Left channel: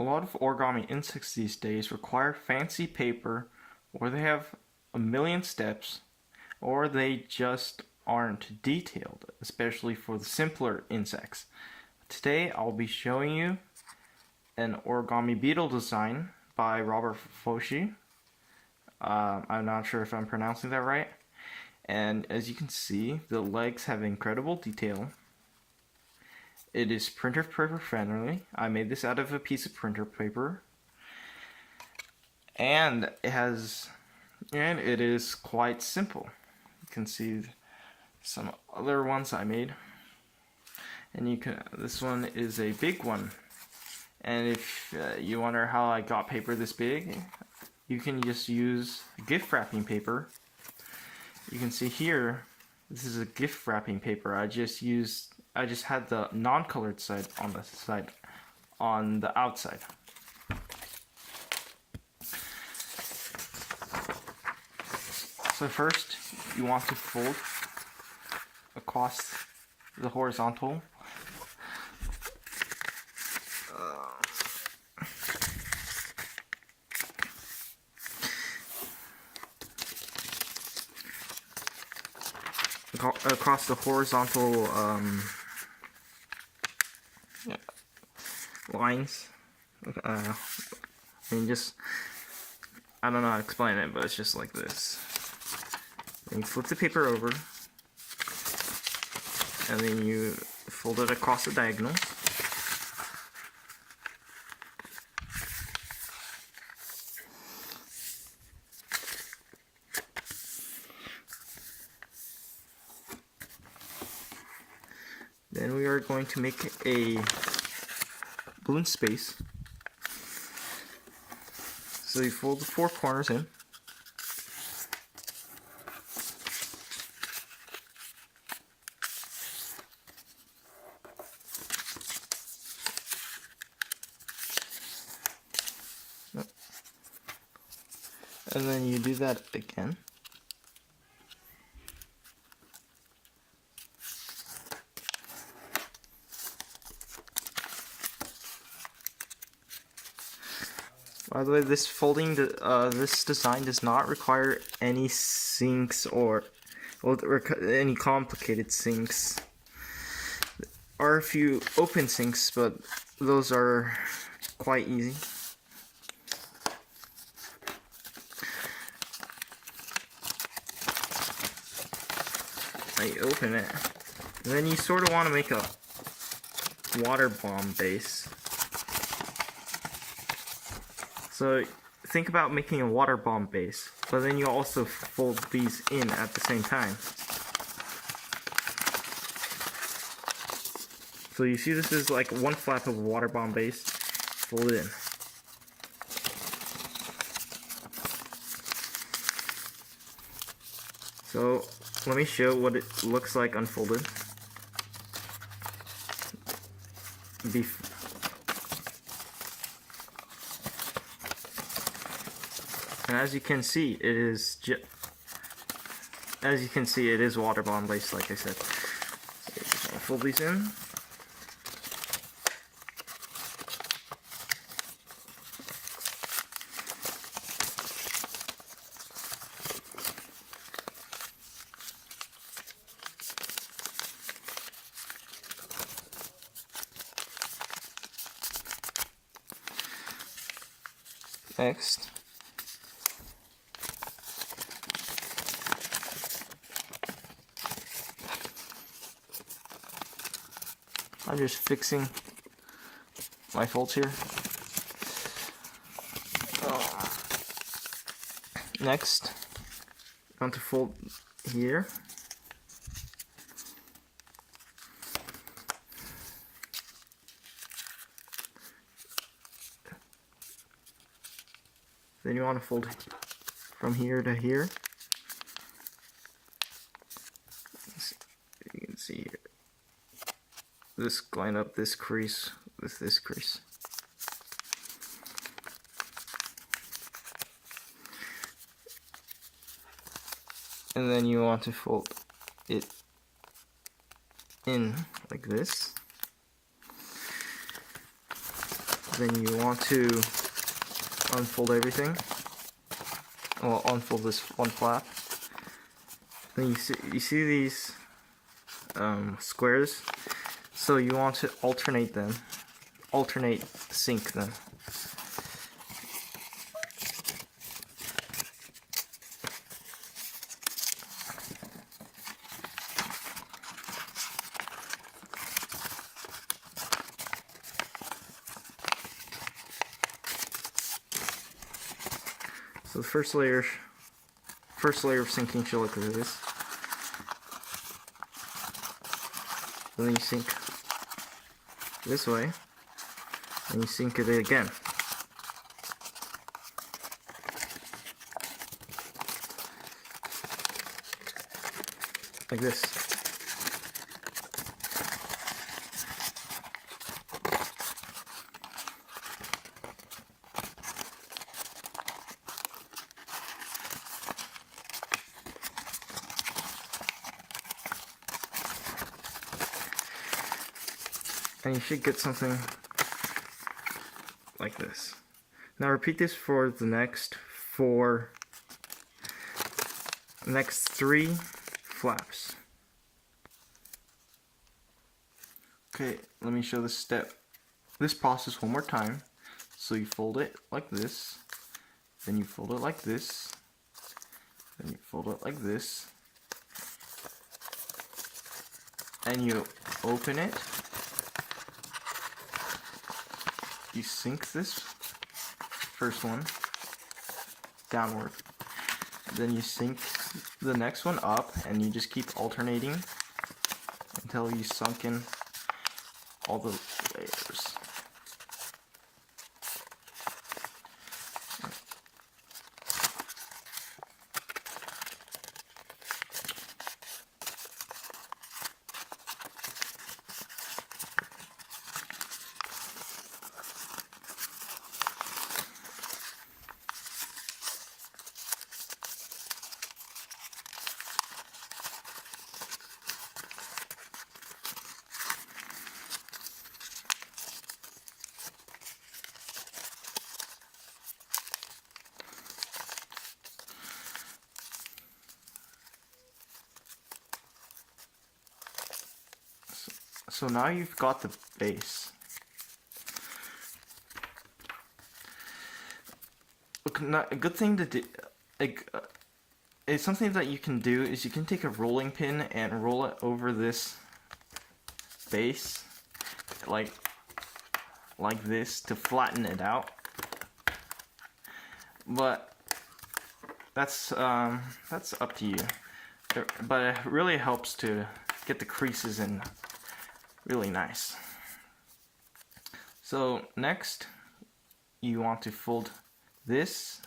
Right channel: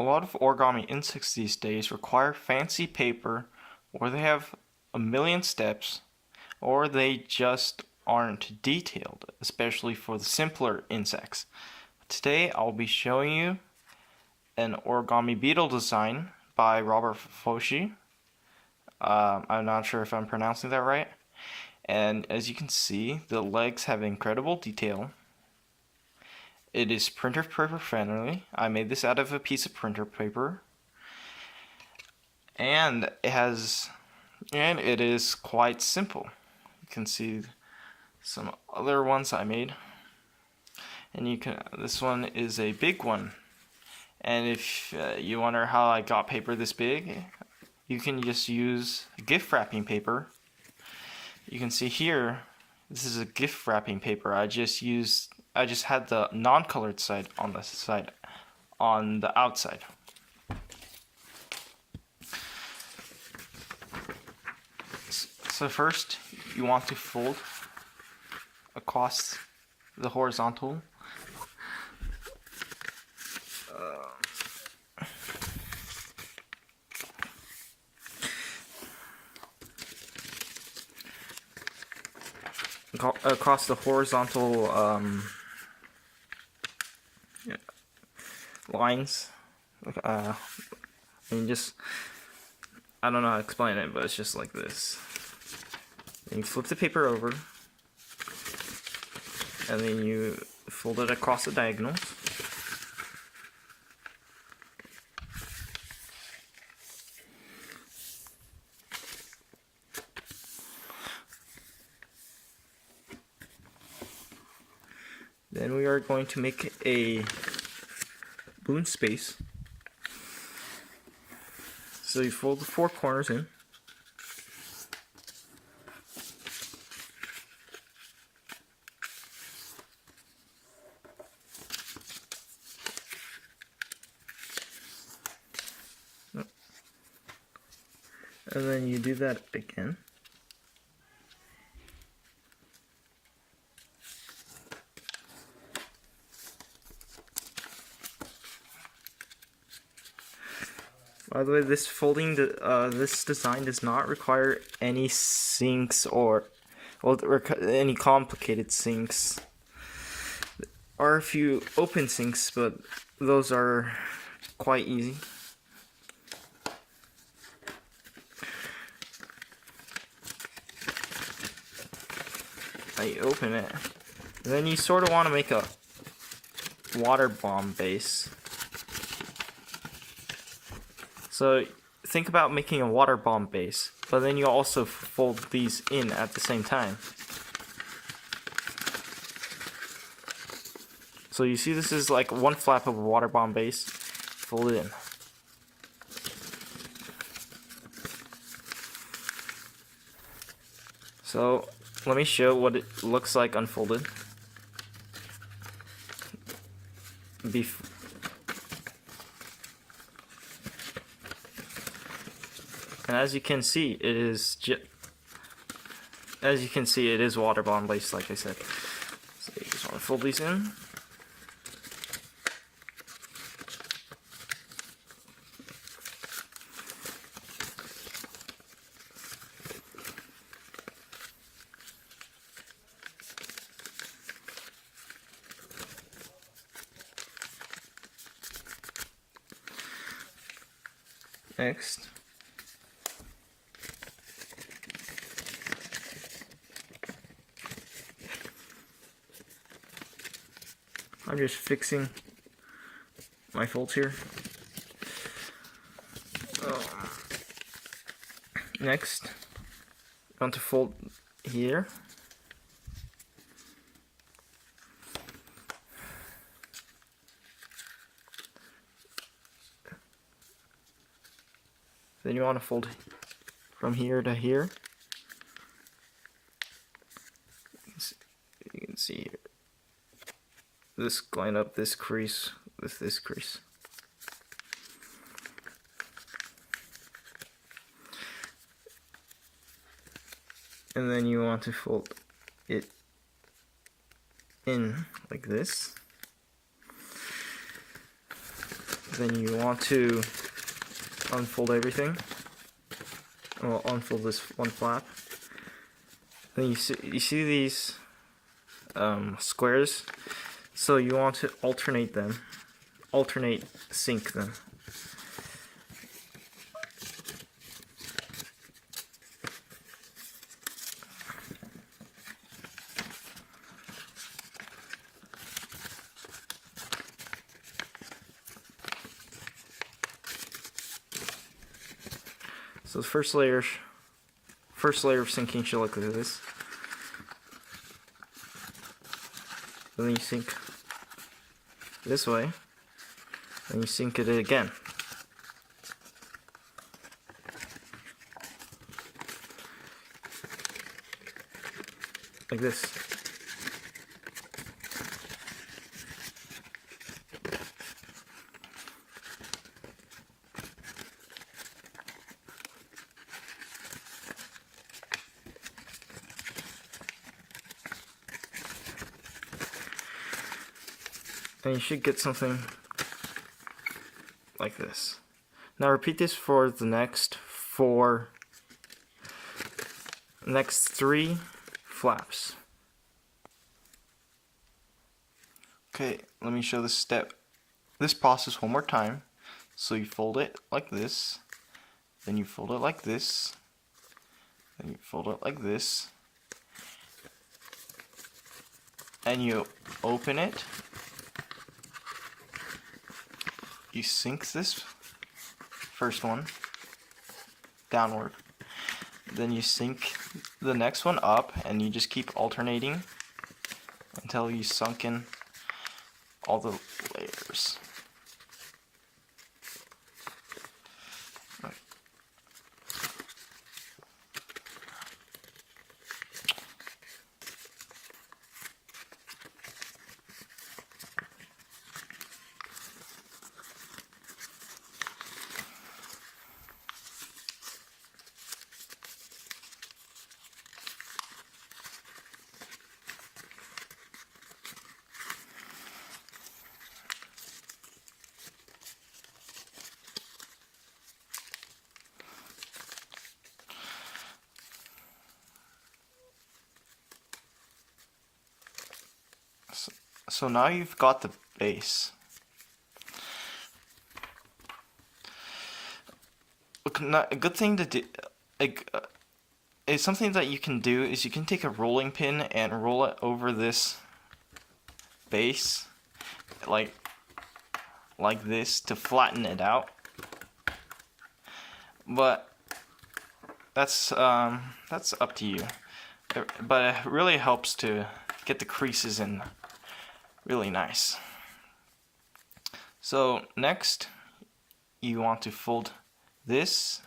A lot of origami insects these days require fancy paper, or they have a million steps, or they just aren't detailed, especially for the simpler insects. Today I'll be showing you an origami beetle design by Riccardo Foschi. I'm not sure if I'm pronouncing that right. And as you can see, the legs have incredible detail. It is printer paper friendly. I made this out of a piece of printer paper. And it is quite simple. You can see some other ones I made. And this one is a big one. And if you wonder how I got paper this big, you can just use gift wrapping paper. You can see here, this is a gift wrapping paper. I just had the non-colored side on the outside. So first, you want to fold across the horizontal. Across the horizontal lines. I don't know how to explain it, but it's just like this. Then you flip the paper over, and then you fold it across the diagonal. Then we are going to make a balloon space. So you fold the four corners in. And then you do that again. By the way, this design does not require any sinks or any complicated sinks. There are a few open sinks, but those are quite easy. Now you open it, and then you sort of want to make a water bomb base. So think about making a water bomb base, but then you also fold these in at the same time. So you see this is like one flap of a water bomb base folded in. So let me show what it looks like unfolded. And as you can see, it is water bomb based, like I said. So you just want to fold these in. Next, I'm just fixing my folds here. Next, I want to fold here. Then you want to fold from here to here. You can see here. This going up this crease with this crease. And then you want to fold it in like this. Then you want to unfold everything. Well, unfold this one flap. Then you see these squares. So you want to alternate sync them. So the first layer of syncing should look like this. And then you sync this way, and you sync it again. Like this. And you should get something like this. Now repeat this for the next three flaps. Okay, let me show this process one more time. So you fold it like this, then you fold it like this, then you fold it like this, and you open it. You sync this first one downward, then you sync the next one up, and you just keep alternating until you sunk in all the layers. So now you've got the base. A good thing to do, is something that you can do is you can take a rolling pin and roll it over this base, like this, to flatten it out. But that's up to you. But it really helps to get the creases in really nice. So next, you want to fold this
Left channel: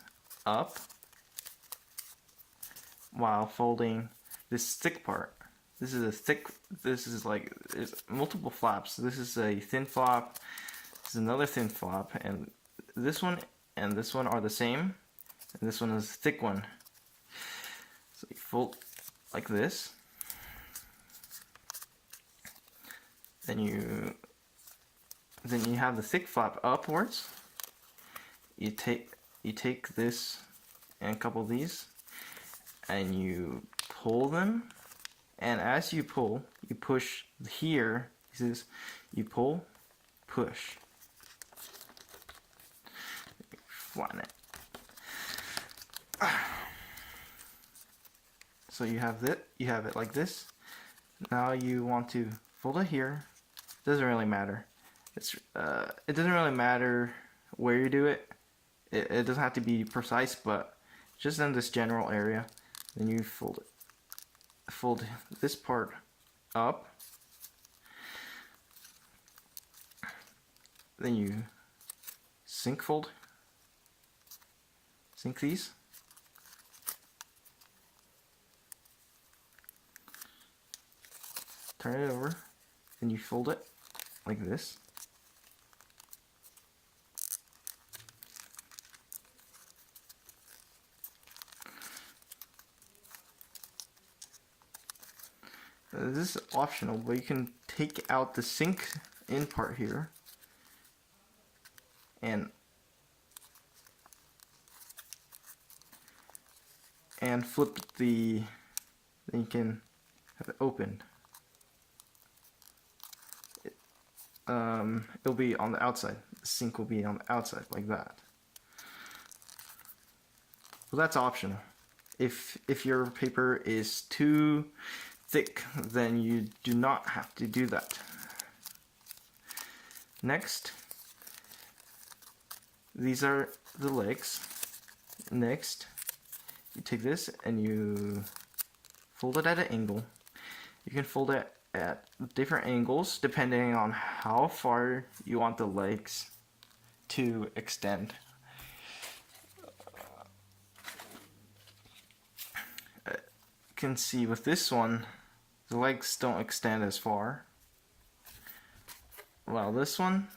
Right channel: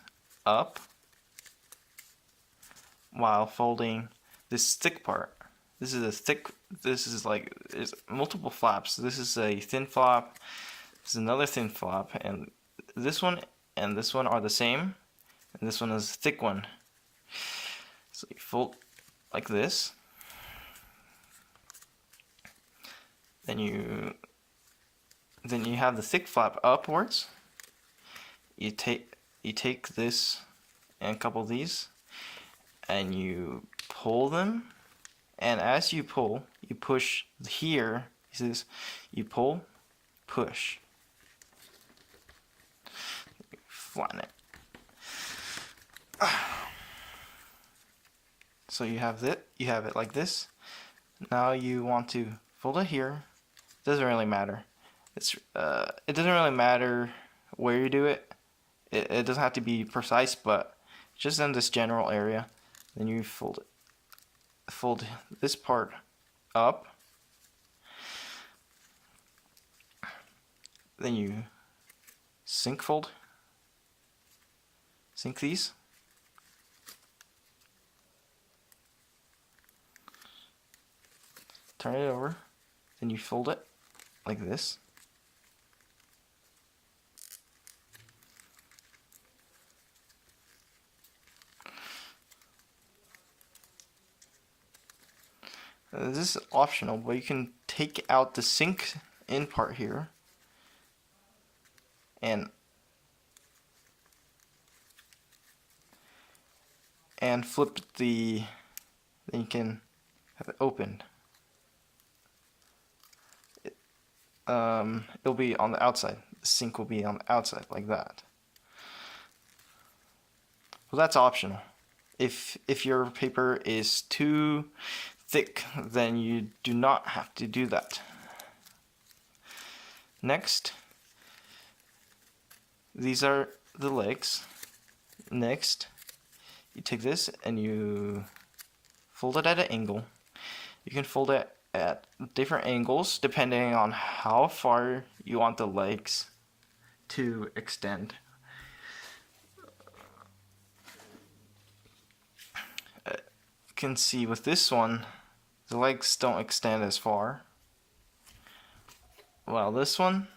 up while folding this thick part. This is like, there's multiple flaps. This is a thin flap, this is another thin flap, and this one are the same, and this one is a thick one. So you fold like this. Then you have the thick flap upwards. You take this and a couple of these, and you pull them. And as you pull, you push here. He says, you pull, push. Flatten it. So you have it like this. Now you want to fold it here. Doesn't really matter. It doesn't really matter where you do it. It doesn't have to be precise, but just in this general area. Then you fold this part up. Then you sync these. Turn it over. Then you fold it like this. This is optional, but you can take out the sync in part here. and flip then you can have it opened. It'll be on the outside. The sink will be on the outside like that. Well, that's optional. If your paper is too thick, then you do not have to do that. Next, these are the legs. Next, you take this and you fold it at an angle. You can fold it at different angles depending on how far you want the legs to extend. You can see with this one, the legs don't extend as far. While this one,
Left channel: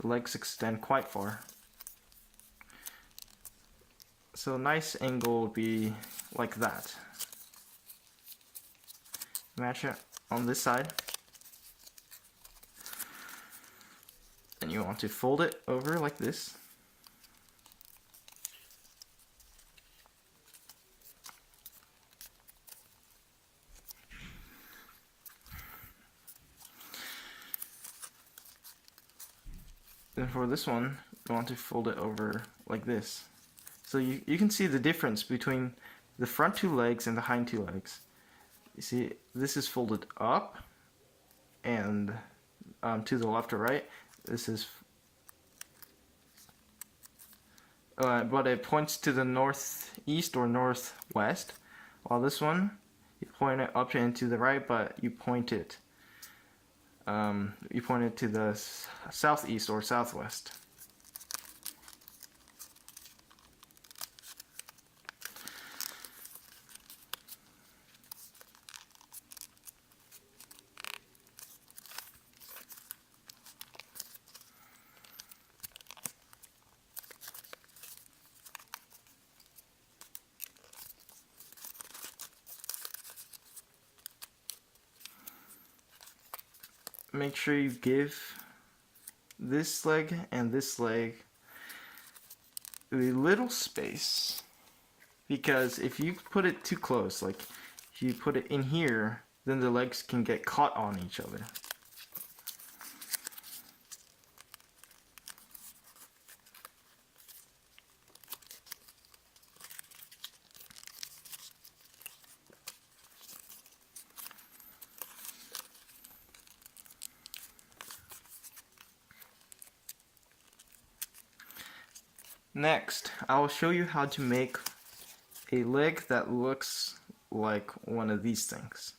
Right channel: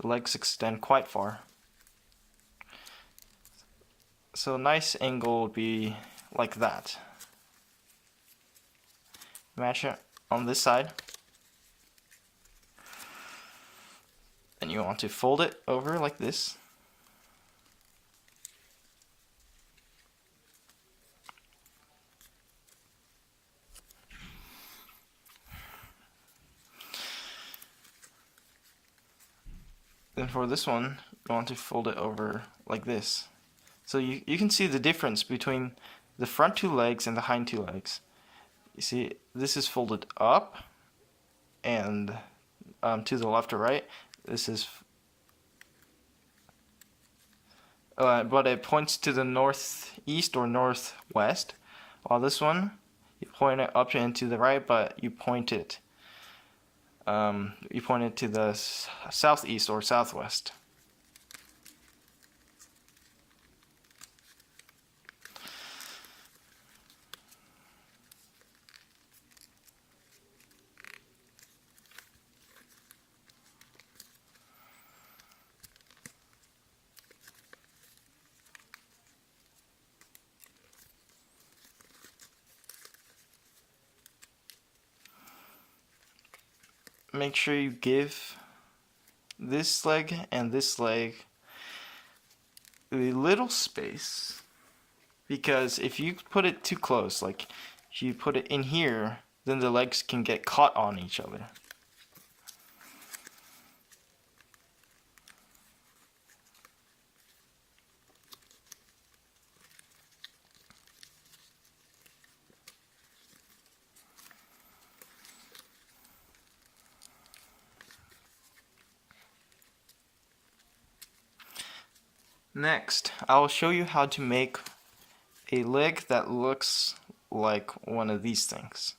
the legs extend quite far. So a nice angle would be like that. Match it on this side. And you want to fold it over like this. Then for this one, you want to fold it over like this. So you can see the difference between the front two legs and the hind two legs. You see, this is folded up and to the left or right. This is, but it points to the northeast or northwest. While this one, you point it up and to the right, but you point it to the southeast or southwest. Make sure you give this leg and this leg a little space, because if you put it too close, like if you put it in here, then the legs can get caught on each other. Next, I will show you how to make a leg that looks like one of these things.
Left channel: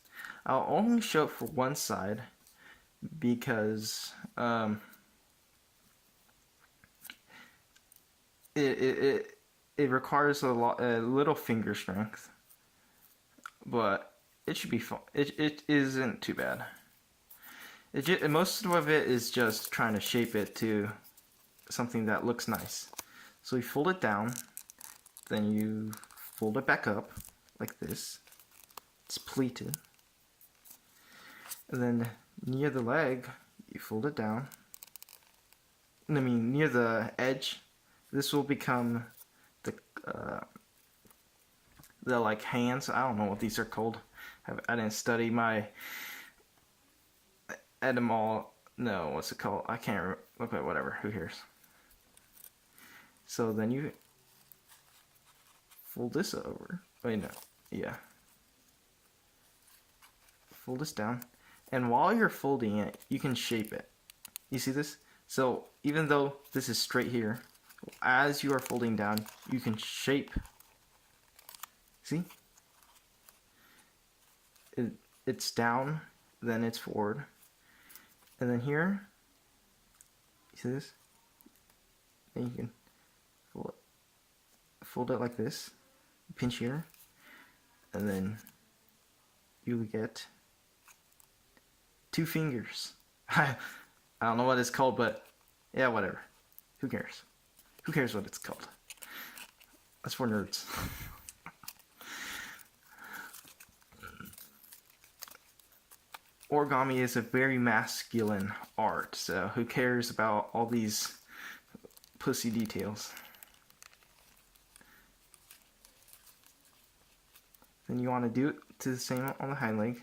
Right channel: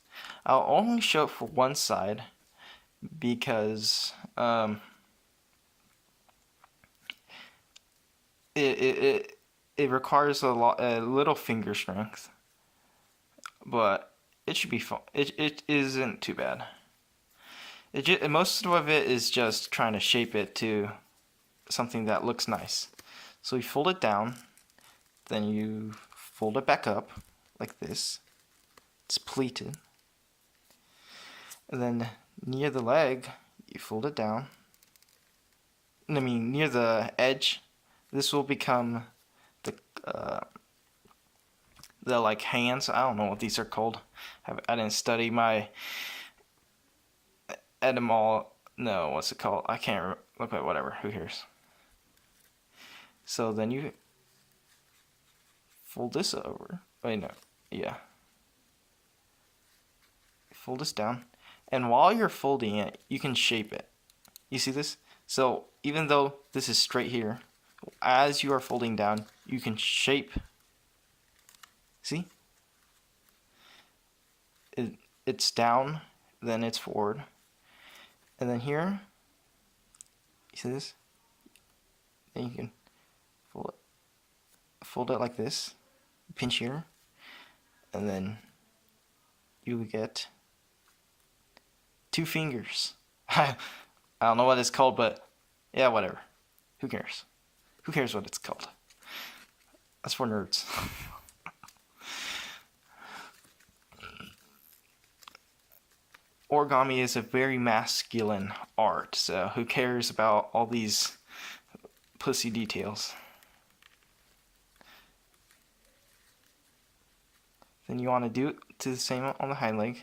I'll only show it for one side because it requires a little finger strength, but it should be fun. It isn't too bad. Most of it is just trying to shape it to something that looks nice. So you fold it down, then you fold it back up like this. It's pleated. And then near the leg, you fold it down. Near the edge, this will become the like hands. I don't know what these are called. I didn't study my etymology. No, what's it called? I can't look at whatever. Who cares? So then you fold this over. Wait, no. Yeah. Fold this down. And while you're folding it, you can shape it. You see this? So even though this is straight here, as you are folding down, you can shape. See? It's down, then it's forward. And then here, you see this? Then you can fold it like this, pinch here, and then you get 2 fingers. I don't know what it's called, but yeah, whatever. Who cares? Who cares what it's called? That's for nerds. Origami is a very masculine art, so who cares about all these pussy details. Then you want to do it to the same on the hind leg.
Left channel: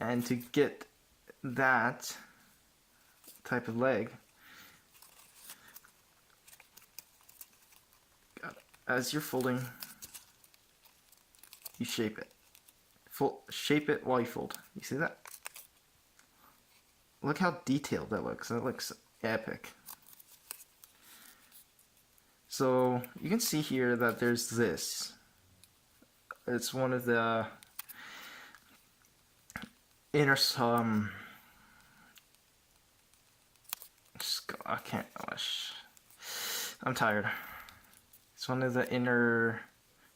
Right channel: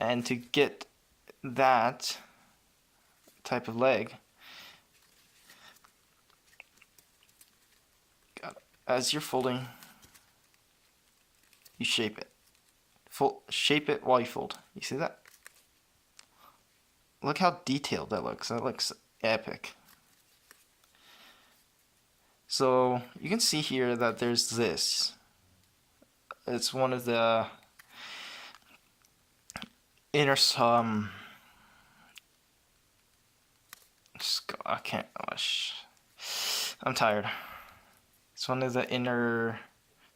And to get that type of leg, as you're folding, you shape it. Shape it while you fold. You see that? Look how detailed that looks. That looks epic. So you can see here that there's this. It's one of the inner I can't. I'm tired. It's one of the inner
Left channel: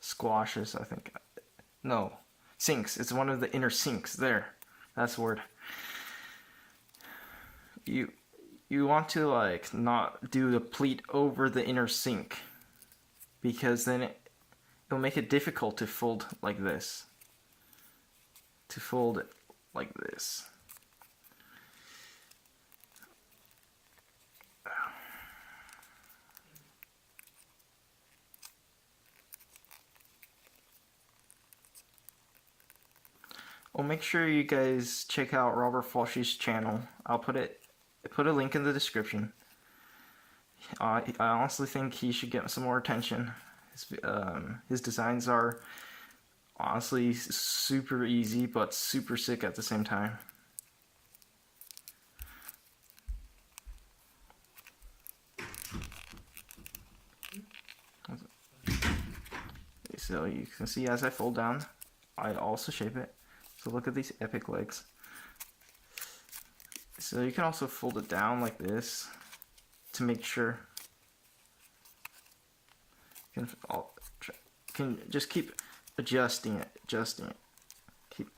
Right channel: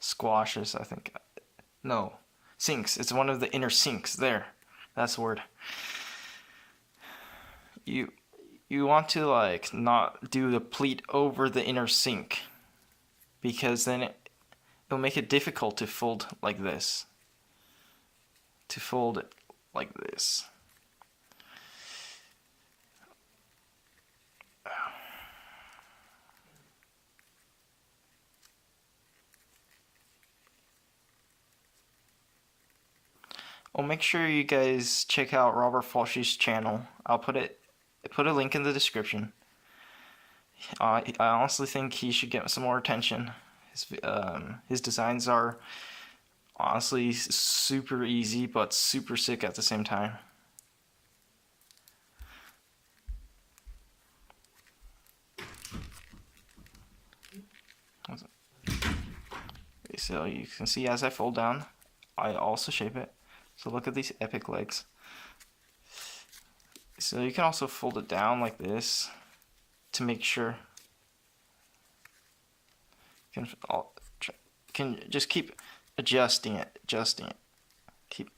squashes, I think. No, sinks. It's one of the inner sinks. There, that's the word. You want to like not do the pleat over the inner sink, because then it'll make it difficult to fold like this. To fold it like this. Well, make sure you guys check out Robert Foschi's channel. I'll put a link in the description. I honestly think he should get some more attention. His designs are honestly super easy, but super sick at the same time. So you can see as I fold down, I also shape it. So look at these epic legs. So you can also fold it down like this to make sure. You can just keep adjusting it. Keep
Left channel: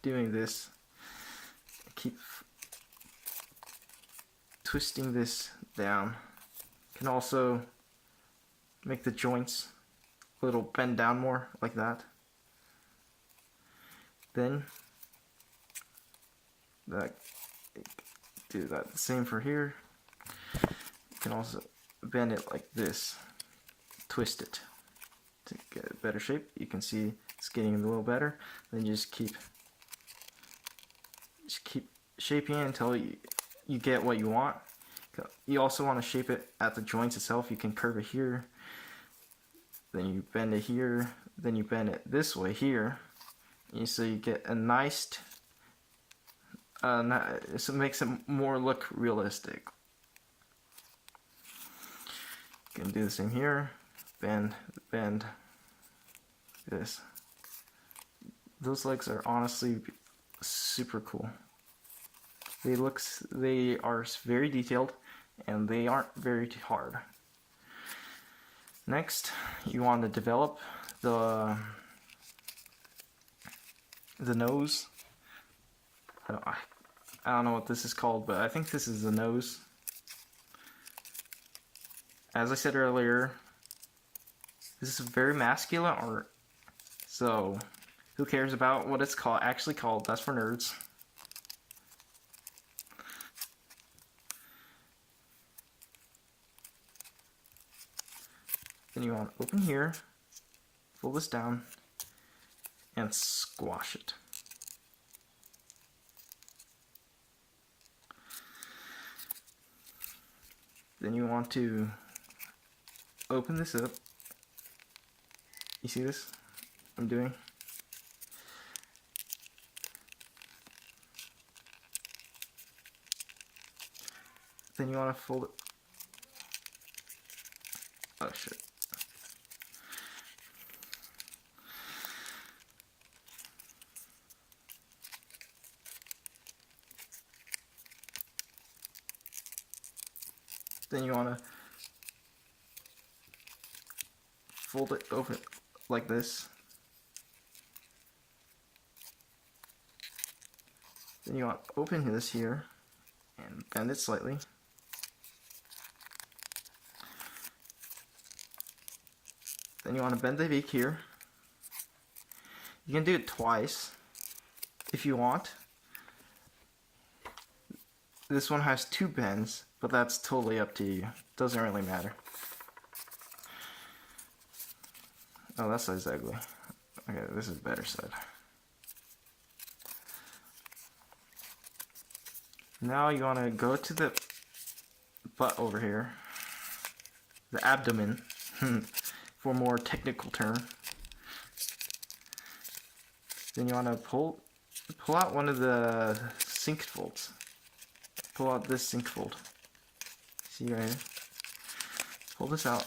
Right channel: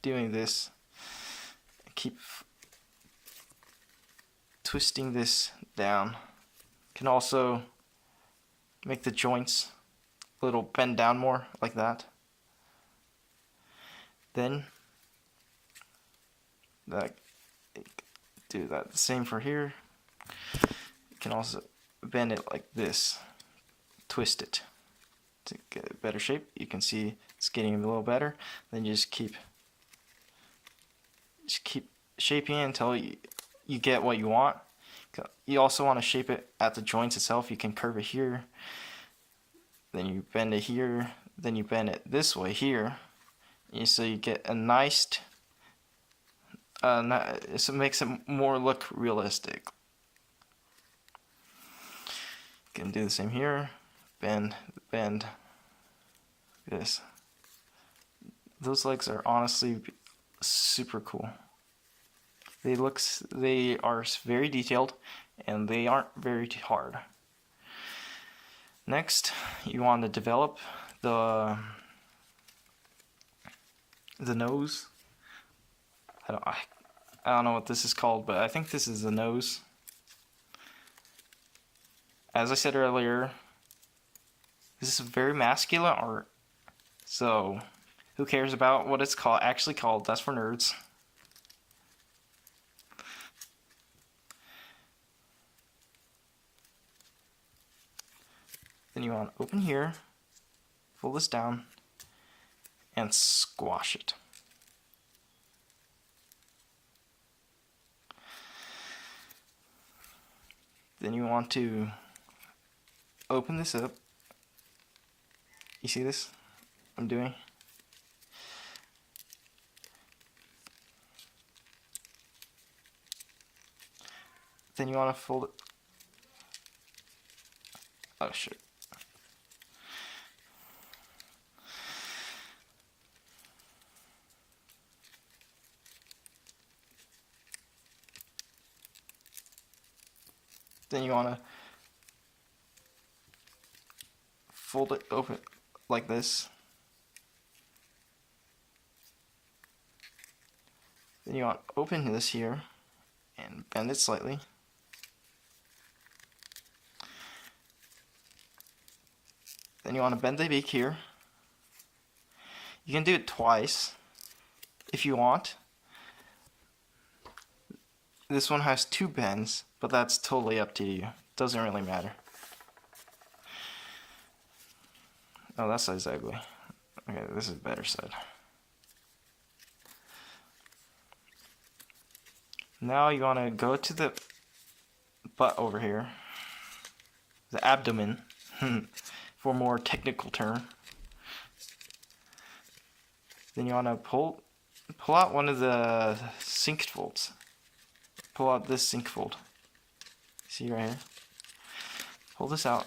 doing this. Keep twisting this down. Can also make the joints a little bend down more like that. Then do that the same for here. You can also bend it like this, twist it to get a better shape. You can see it's getting a little better. Then you just keep shaping it until you get what you want. You also want to shape it at the joints itself. You can curve it here, then you bend it here, then you bend it this way here. So you get a nice, so it makes it more look realistic. You can do the same here, bend this. Those legs are honestly super cool. They are very detailed, and they aren't very hard. Next, you want to develop the nose. I don't know what this is called, but I think this is the nose. As I said earlier, this is very masculine art, so who cares about what it's actually called? That's for nerds. Then you want to open here, fold this down, and squash it. Then you want to open this up. You see this I'm doing? Then you want to fold it. Oh shit. Then you want to fold it over like this. Then you want to open this here and bend it slightly. Then you want to bend the beak here. You can do it twice if you want. This one has two bends, but that's totally up to you. doesn't really matter. Oh, that side's ugly. Okay, this is better side. Now you want to go to the butt over here, the abdomen, for a more technical term. Then you want to pull out one of the sink folds. Pull out this sink fold. See right here? Pull this out.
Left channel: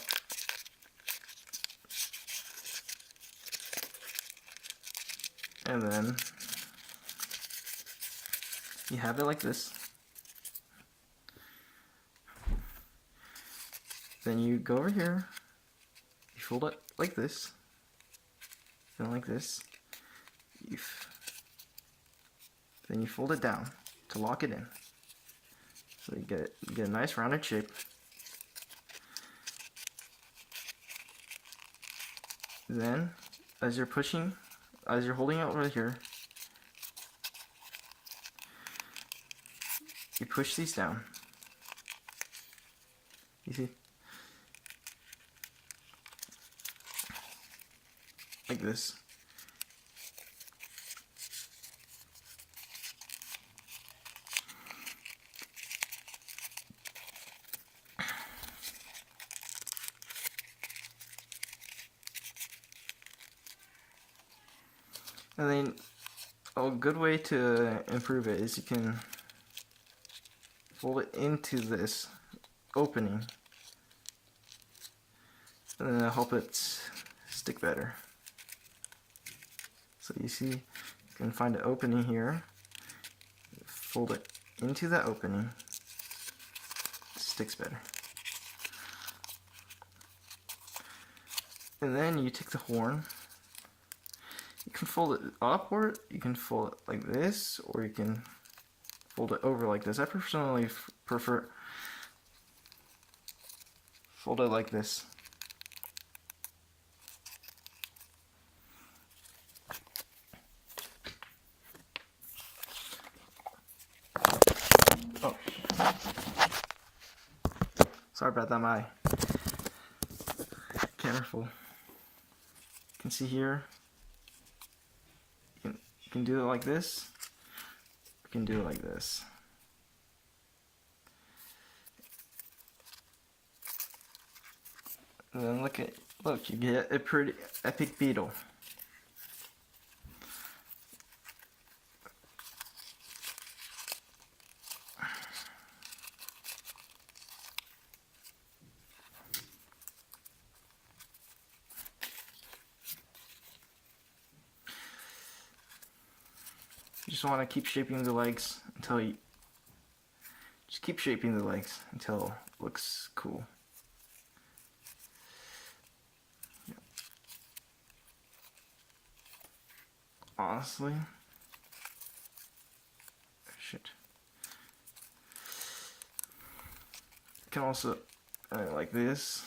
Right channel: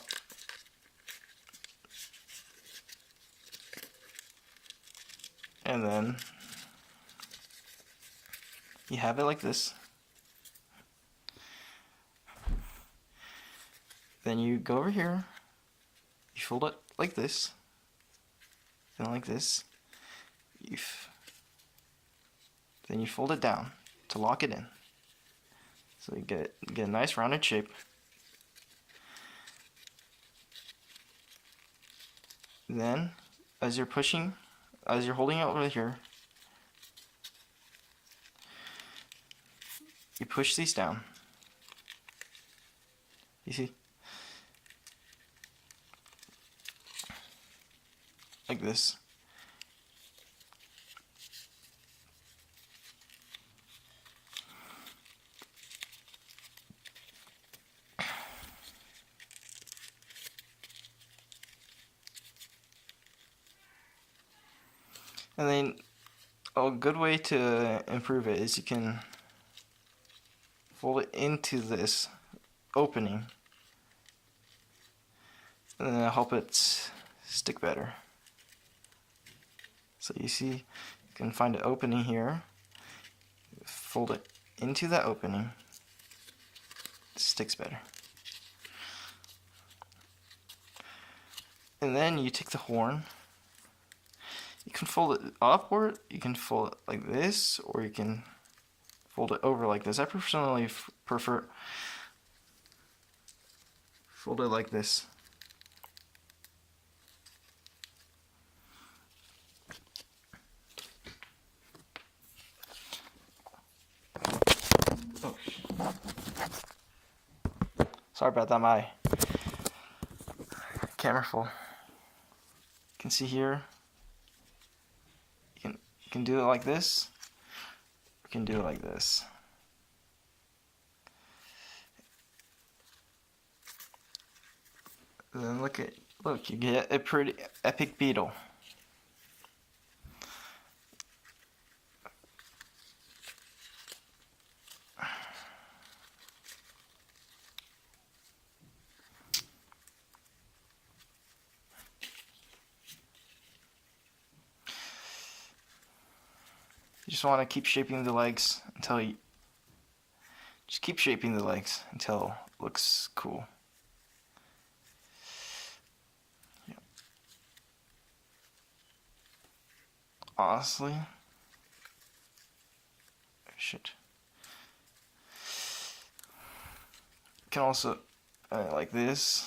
And then you have it like this. Then you go over here, you fold it like this, then like this. Then you fold it down to lock it in. So you get a nice rounded shape. Then, as you're holding it over here, you push these down. You see? Like this. And then a good way to improve it is you can fold it into this opening, and then it'll help it stick better. So you see, you can find an opening here, fold it into that opening, it sticks better. And then you take the horn. You can fold it up, or you can fold it like this, or you can fold it over like this. I personally prefer fold it like this. Oh, sorry about that. My camera full. You can see here. You can do it like this. You can do it like this. And then look, you get a pretty epic beetle. You just want to keep shaping the legs until it looks cool. Yeah. Honestly, shit. You can also like this.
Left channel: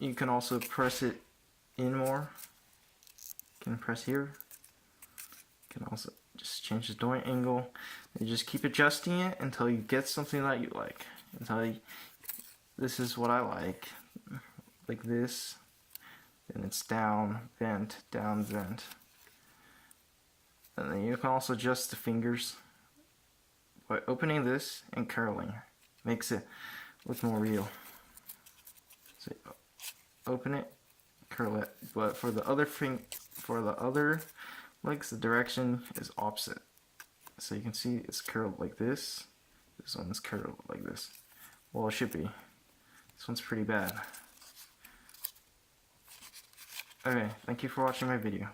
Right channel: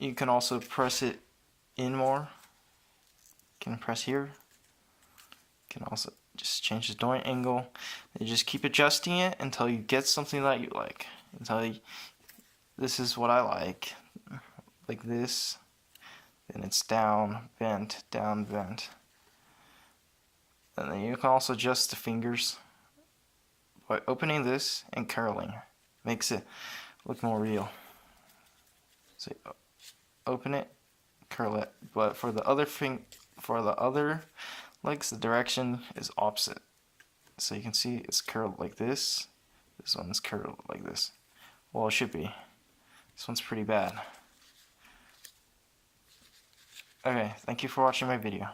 You can also press it in more. You can press here. You can also just change the joint angle. You just keep adjusting it until you get something that you like. This is what I like this. Then it's down, bent, down, bent. And then you can also adjust the fingers by opening this and curling. Makes it look more real. So you open it, curl it. But for the other legs, the direction is opposite. So you can see it's curled like this. This one is curled like this. Well, it should be. This one's pretty bad. Okay, thank you for watching my video.